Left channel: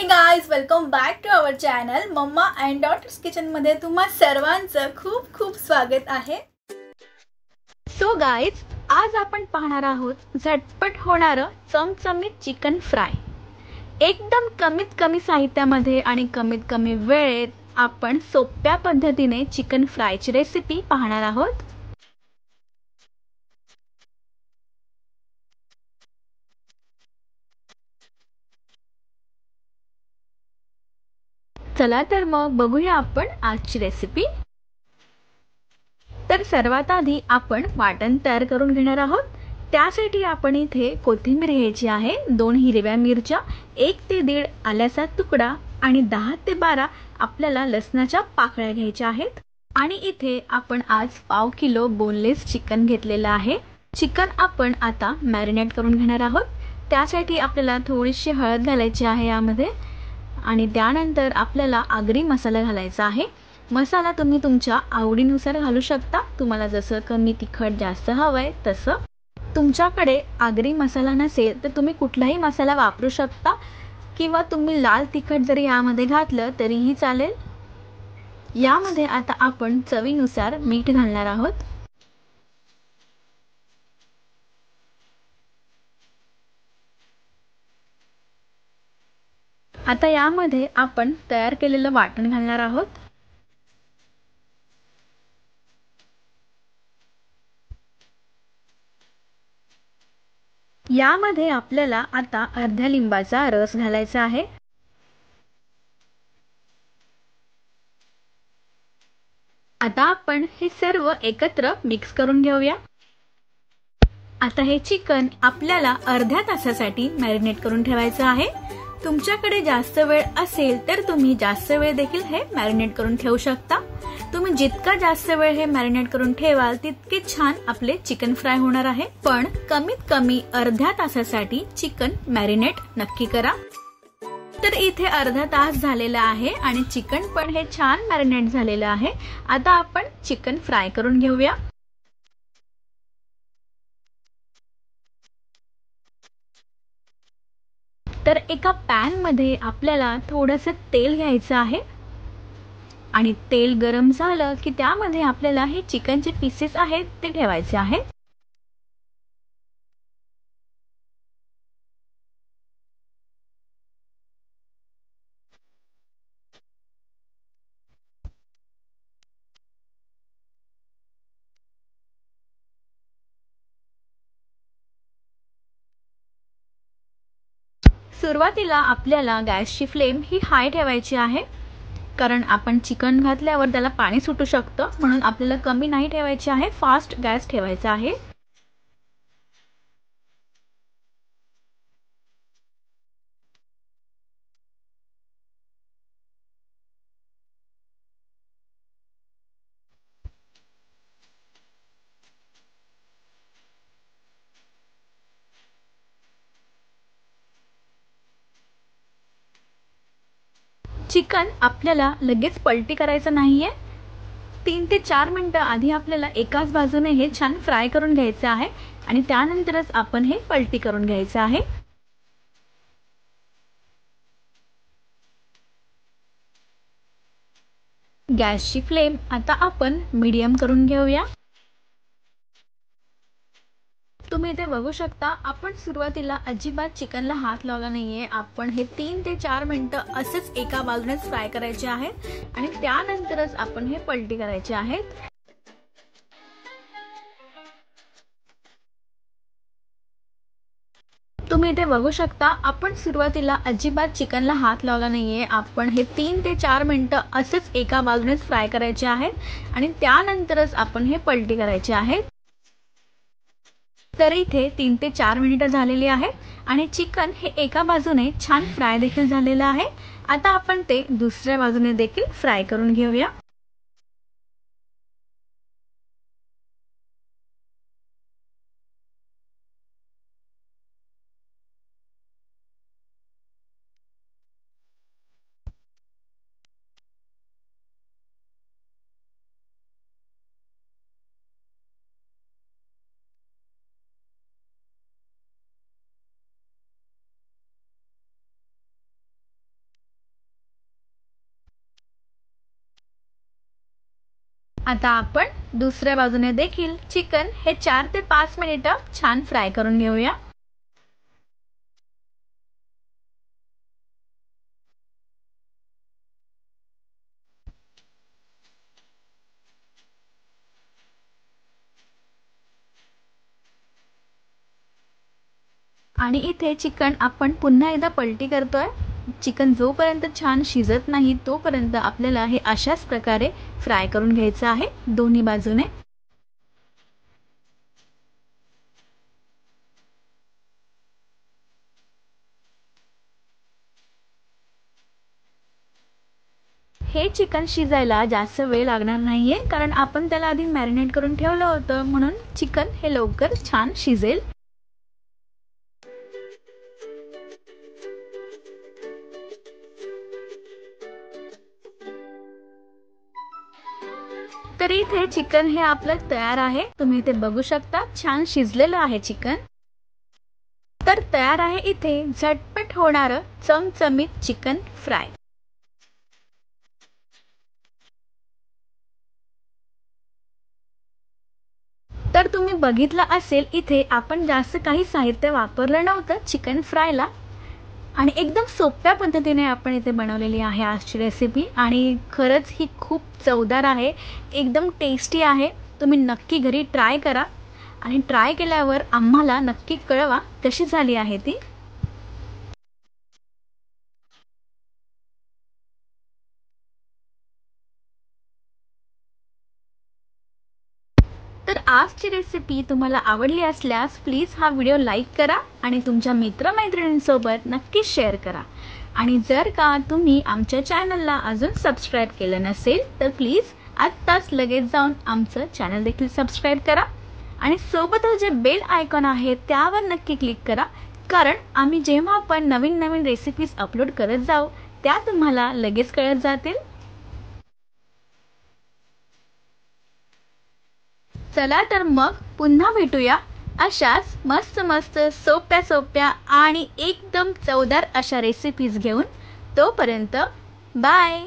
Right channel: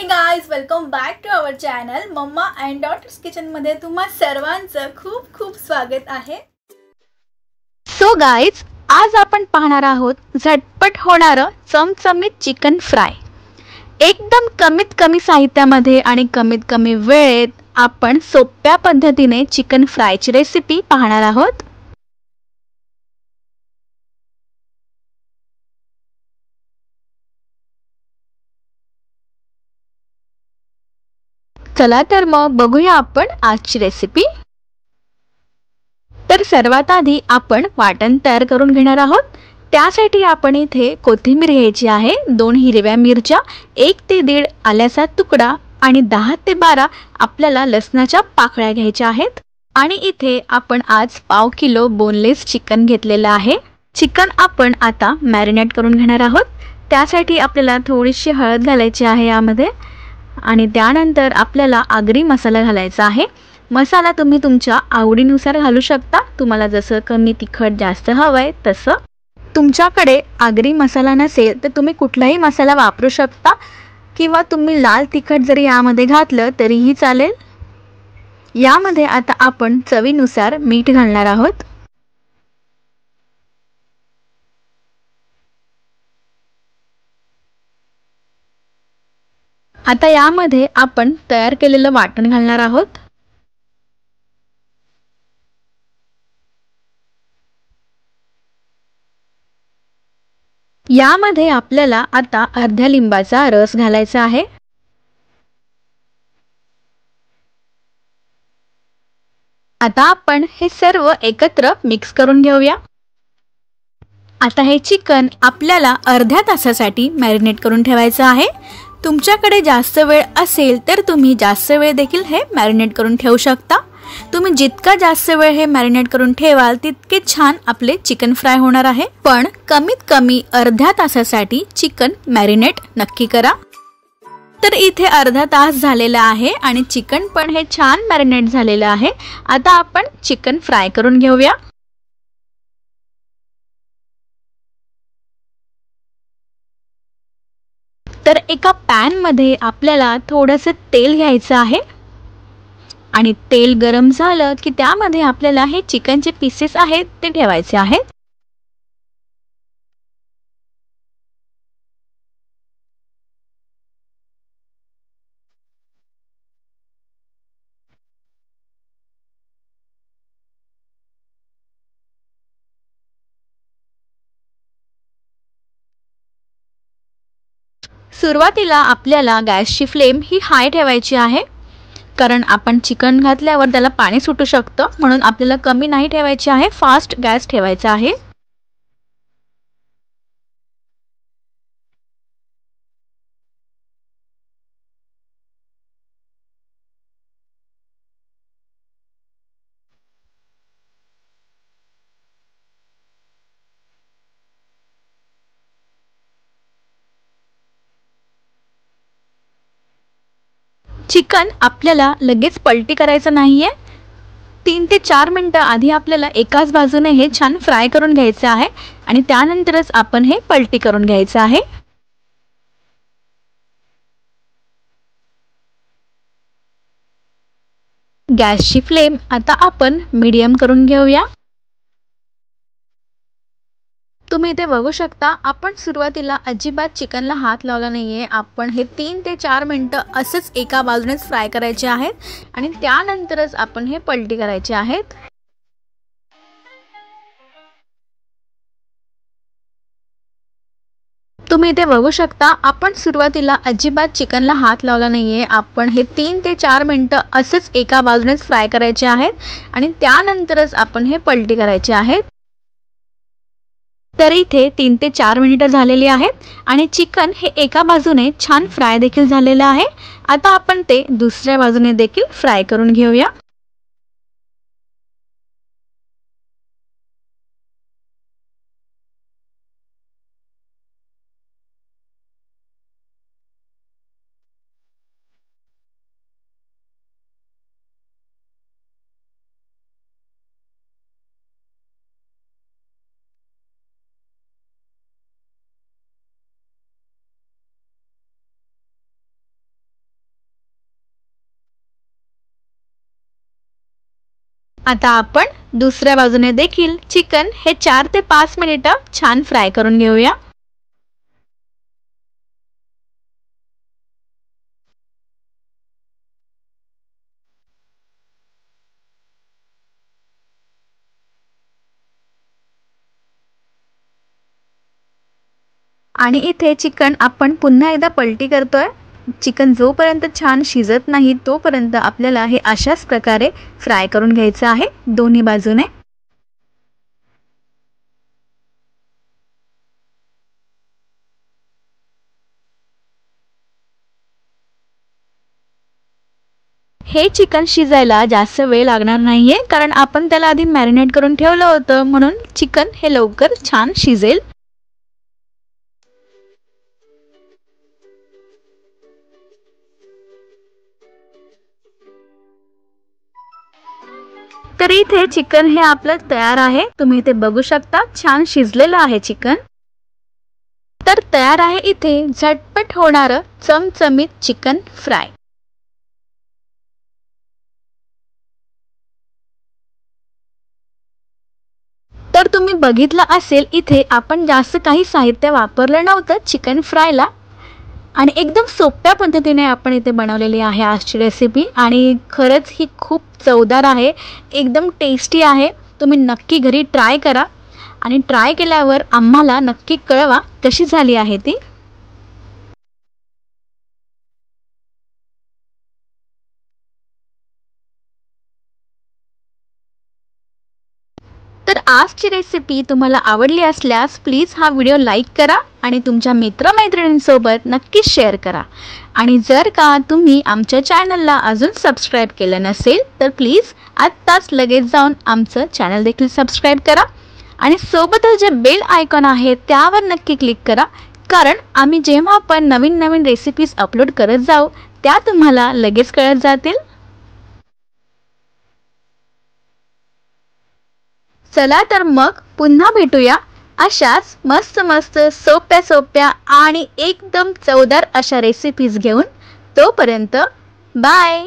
हे guys, welcome back to our channel mamma and daughters kitchen मध्ये तुम्हा सर्वांचं खूप खूप स्वागत आहे। सो गाइस, आज आपण पाहणार आहोत झटपट होणारं चमचमीत चिकन फ्राय। एकदम कमीत कमी साहित्यामध्ये आणि कमीत कमी वेळेत आपण सोप्या पद्धतीने चिकन फ्रायची रेसिपी पाहणार आहोत। चला तर मग बघूया आपण आजची रेसिपी। तर सर्वात आधी आपण वाटण तयार करून घेणार आहोत। त्यासाठी आपण इथे कोथिंबीर घ्यायची आहे, 2 हिरव्या मिरच्या, 1 ते 1.5 आल्याचा तुकडा आणि 10 ते 12 आपल्याला लसणाच्या पाकळ्या घ्यायच्या आहेत। आणि इथे आपण आज पाव किलो बोनलेस चिकन घेतलेलं आहे। चिकन आपण आता मॅरिनेट करून घेणार आहोत। त्यासाठी आपल्याला थोडीशी हळद घालायची आहे यामध्ये आणि त्यानंतर आपल्याला आगरी मसाला घालायचा आहे। मसाला तुम्ही तुमच्या आवडीनुसार घालू शकता, तुम्हाला जसं कमी तिखट जास्त हवंय तसं। तुमच्याकडे आगरी मसाला नसेल तर तुम्ही कुठलाही मसाला वापरू शकता किंवा तुम्ही लाल तिखट जरी यामध्ये घातलं तरीही चालेल। यामध्ये आता आपण चवीनुसार मीठ घालणार आहोत। आता यामध्ये आपण तयार केलेलं वाटण घालणार आहोत। यामध्ये आपल्याला आता अर्ध्या लिंबाचा रस घालायचा आहे। आता आपण हे सर्व एकत्र मिक्स करून घेऊया। आता हे चिकन आपल्याला अर्ध्या तासासाठी मॅरिनेट करून ठेवायचं आहे। तुमच्याकडे जास्त वेळ असेल तर तुम्ही जास्त वेळ देखील हे मॅरिनेट करून ठेवू शकता। तुम्ही जितका जास्त वेळ हे मॅरिनेट करून ठेवाल तितके छान आपले चिकन फ्राय होणार आहे। पण कमीत कमी अर्ध्या तासासाठी चिकन मॅरिनेट नक्की करा। तर इथे अर्धा तास झालेला आहे आणि चिकन पण हे छान मॅरिनेट झालेलं आहे। आता आपण चिकन फ्राय करून घेऊया। तर एका पॅन मध्ये आपल्याला थोडंसं तेल घ्यायचं आहे आणि तेल गरम झालं की त्यामध्ये आपल्याला हे चिकनचे पीसेस आहेत ते ठेवायचे आहेत। सुरुवातीला आपल्याला गॅसची फ्लेम ही हाय ठेवायची आहे, कारण आपण चिकन घातल्यावर त्याला पाणी सुटू शकतं, म्हणून आपल्याला कमी नाही ठेवायची आहे, फास्ट गॅस ठेवायचा आहे। चिकन आपल्याला लगेच पलटी करायचं नाहीये। 3 ते 4 मिनिटं आधी आपल्याला एकाच बाजूने हे छान फ्राय करून घ्यायचे आहे आणि त्यानंतरच आपण हे पलटी करून घ्यायचं आहे। गॅसची फ्लेम आता आपण मीडियम करून घेऊया। तुम्ही इथे बघू शकता, आपण सुरुवातीला अजिबात चिकनला हात लावला नाहीये। आपण हे 3 ते 4 मिनिटं असेच एका बाजूनेच फ्राय करायचे आहेत आणि त्यानंतरच आपण हे पलटी करायचे आहेत। तुम्ही इथे बघू शकता, आपण सुरुवातीला अजिबात चिकनला हात लावला नाहीये। आपण हे 3 ते 4 मिनिटं असेच एका बाजूनेच फ्राय करायचे आहेत आणि त्यानंतरच आपण हे पलटी करायचे आहेत। तर इथे 3 ते 4 मिनिटं झालेली आहेत आणि चिकन हे एका बाजूने छान फ्राय देखील झालेलं आहे। आता आपण ते दुसऱ्या बाजूने देखील फ्राय करून घेऊया। आता आपण दुसऱ्या बाजूने देखील चिकन हे 4 ते 5 मिनिटं छान फ्राय करून घेऊया। आणि इथे चिकन आपण पुन्हा एकदा पलटी करतोय। चिकन जोपर्यंत छान शिजत नाही तोपर्यंत आपल्याला हे अशाच प्रकारे फ्राय करून घ्यायचं आहे दोन्ही बाजूने। हे चिकन शिजायला जास्त वेळ लागणार नाहीये, कारण आपण त्याला आधी मॅरिनेट करून ठेवलं होतं, म्हणून चिकन हे लवकर छान शिजेल। तर इथे चिकन हे आपलं तयार आहे। तुम्ही इथे बघू शकता छान शिजलेलं आहे चिकन। तर तयार आहे इथे झटपट होणारं चमचमीत चिकन फ्राय। तर तुम्ही बघितलं असेल इथे आपण जास्त काही साहित्य वापरलं नव्हतं चिकन फ्रायला, आणि एकदम सोप्या पद्धतीने आपण इथे बनवलेली आहे आजची रेसिपी। आणि खरंच ही खूप चवदार आहे, एकदम टेस्टी आहे। तुम्ही नक्की घरी ट्राय करा आणि ट्राय केल्यावर आम्हाला नक्की कळवा कशी झाली आहे ती। तर आजची रेसिपी तुम्हाला आवडली असल्यास प्लीज हा व्हिडिओ लाईक करा आणि तुमच्या मित्रमैत्रिणींसोबत नक्की शेअर करा। आणि जर का तुम्ही आमच्या चॅनलला अजून सबस्क्राईब केलं नसेल तर प्लीज आत्ताच लगेच जाऊन आमचं चॅनल देखील सबस्क्राईब करा आणि सोबतच जे बेल आयकॉन आहे त्यावर नक्की क्लिक करा, कारण आम्ही जेव्हा पण नवीन नवीन रेसिपीज अपलोड करत जाऊ त्या तुम्हाला लगेच कळत जातील। चला तर मग पुन्हा भेटूया अशाच मस्त मस्त सोप्या सोप्या आणि एकदम चवदार अशा रेसिपीज घेऊन। तोपर्यंत बाय।